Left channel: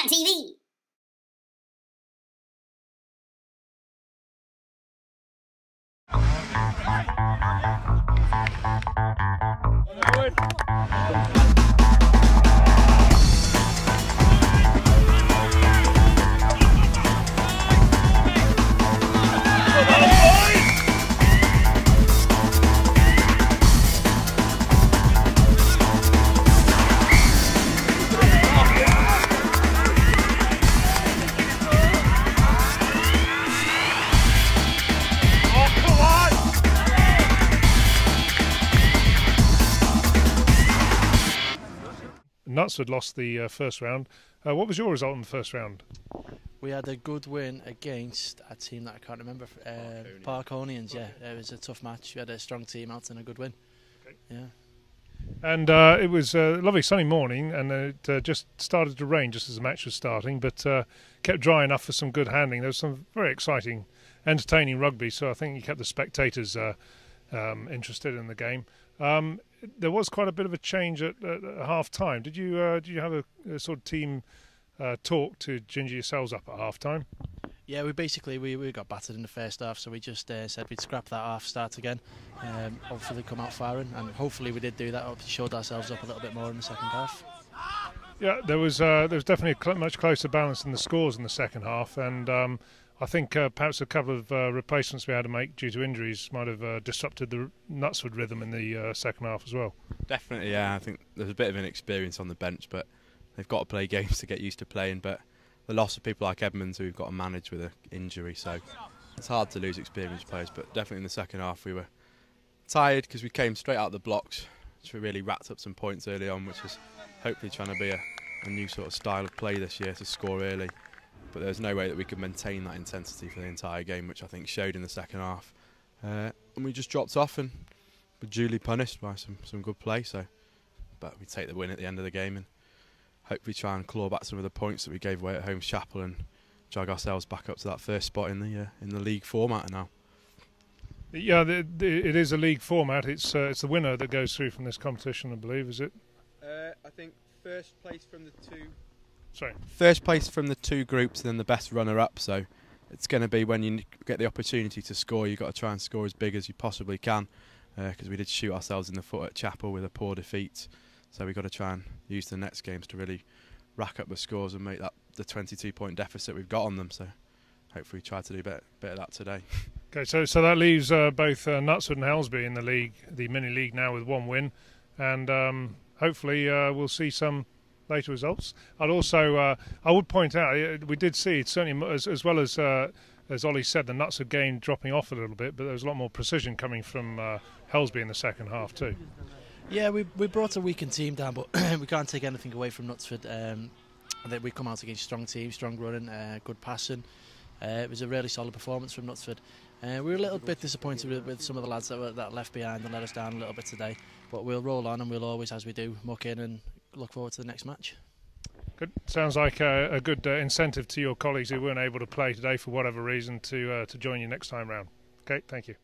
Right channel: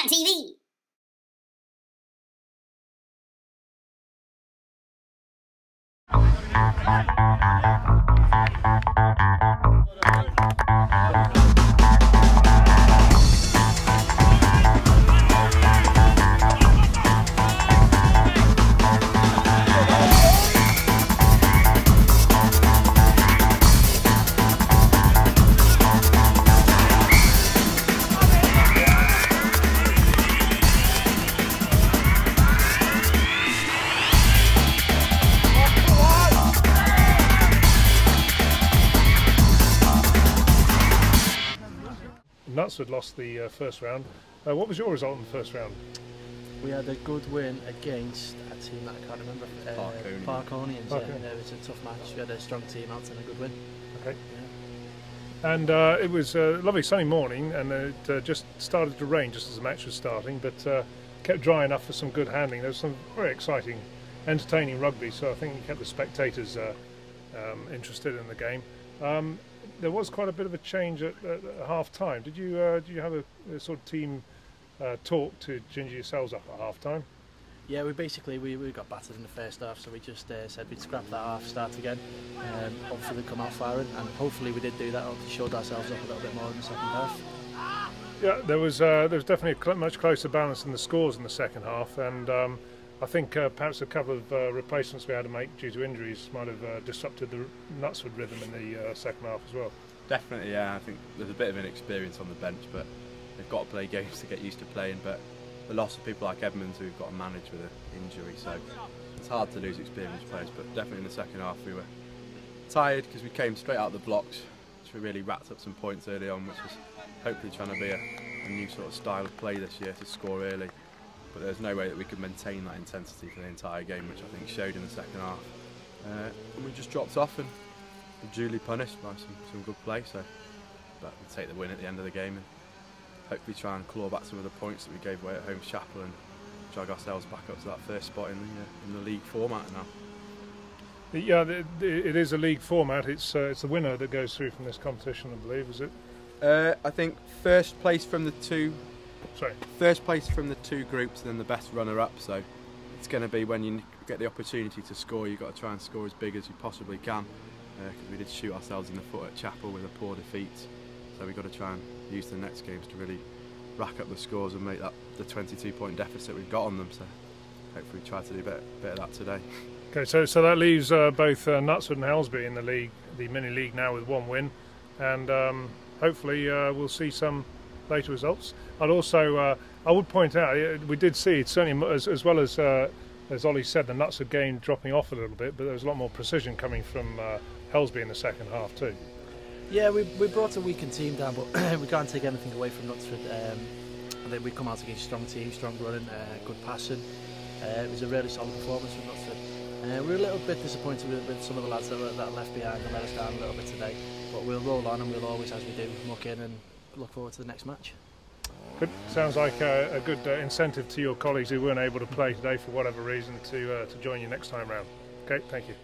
Chat TV. Knutsford lost the first round. What was your result in the first round? We had a good win against a team that I can't remember. Parkonians. Yeah, it was a tough match. We had a strong team out and a good win. Okay. Yeah. And it was a lovely sunny morning, and it just started to rain just as the match was starting, but kept dry enough for some good handling. There was some very exciting, entertaining rugby, so I think it kept the spectators interested in the game. There was quite a bit of a change at half time. Did you have a sort of team talk to ginger yourselves up at half time? Yeah, we got battered in the first half, so we just said we'd scrap that half, start again, hopefully come out firing, and hopefully we did do that. Hopefully showed ourselves up a little bit more in the second half. Yeah, there was definitely a much closer balance in the scores in the second half, and I think perhaps a couple of replacements we had to make due to injuries might have disrupted the Knutsford rhythm in the second half as well. Definitely, yeah. I think there's a bit of inexperience on the bench, but they've got to play games to get used to playing. But the loss of people like Edmonds who we've got to manage with an injury, so it's hard to lose experienced players. But definitely in the second half we were tired because we came straight out of the blocks, which we really racked up some points early on, which is hopefully trying to be a new sort of style of play this year, to score early. But there's no way that we could maintain that intensity for the entire game, which I think showed in the second half. And we just dropped off and were duly punished by some good play. But we take the win at the end of the game and hopefully try and claw back some of the points that we gave away at home to Chapel and drag ourselves back up to that first spot in the league format now. Yeah, it is a league format. It's the winner that goes through from this competition, I believe, is it? I think first place from the two groups and then the best runner-up, so it's going to be when you get the opportunity to score, you've got to try and score as big as you possibly can, because we did shoot ourselves in the foot at Chapel with a poor defeat, so we've got to try and use the next games to really rack up the scores and make that the 22-point deficit we've got on them, so hopefully try to do a bit of that today. Okay, so that leaves both Knutsford and Helsby in the mini-league now with one win, and hopefully we'll see some later results. I'd also, I would point out, we did see certainly as well as Ollie said, the Knutsford game dropping off a little bit, but there was a lot more precision coming from Helsby in the second half too. Yeah, we brought a weakened team down, but we can't take anything away from Knutsford. We come out against a strong team, strong running, good passing. It was a really solid performance from Knutsford. We were a little bit disappointed with some of the lads that left behind and let us down a little bit today, but we'll roll on and we'll always, as we do, muck in and look forward to the next match. Good. Sounds like a good incentive to your colleagues who weren't able to play today for whatever reason to join you next time round. Okay, thank you.